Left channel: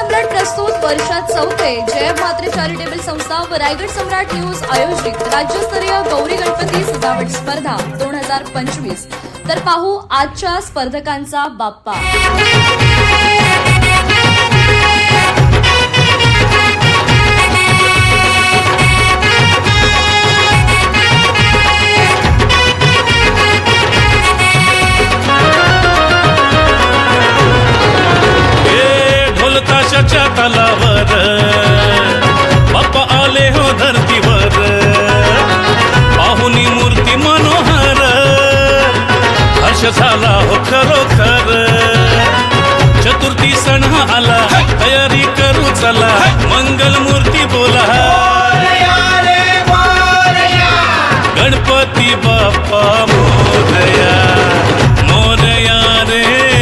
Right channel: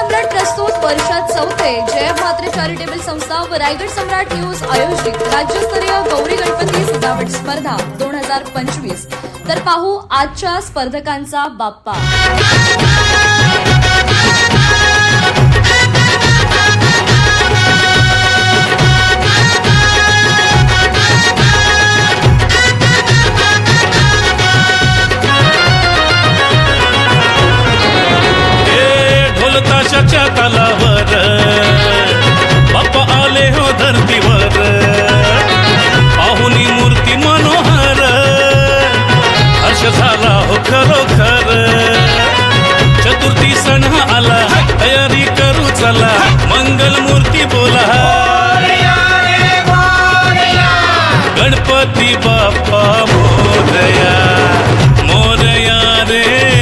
सम्राट प्रस्तुत वर्षात चौथे जय म्हात्रे चॅरिटेबल संस्था व रायगड सम्राट न्यूज आयोजित राज्यस्तरीय गौरी गणपती सजावट स्पर्धा 2025। तर पाहू आजच्या स्पर्धकांचा बाप्पा। ताशाच्या तालावर बाप्पा आले हो धरतीवर, पाहुनी मूर्ती मनोहर, हर्ष झाला हो खरोखर। चतुर्थी सण आला, तयारी करू चला, मंगल मूर्ती बोला, गणपती बाप्पा मोरया मोरया रे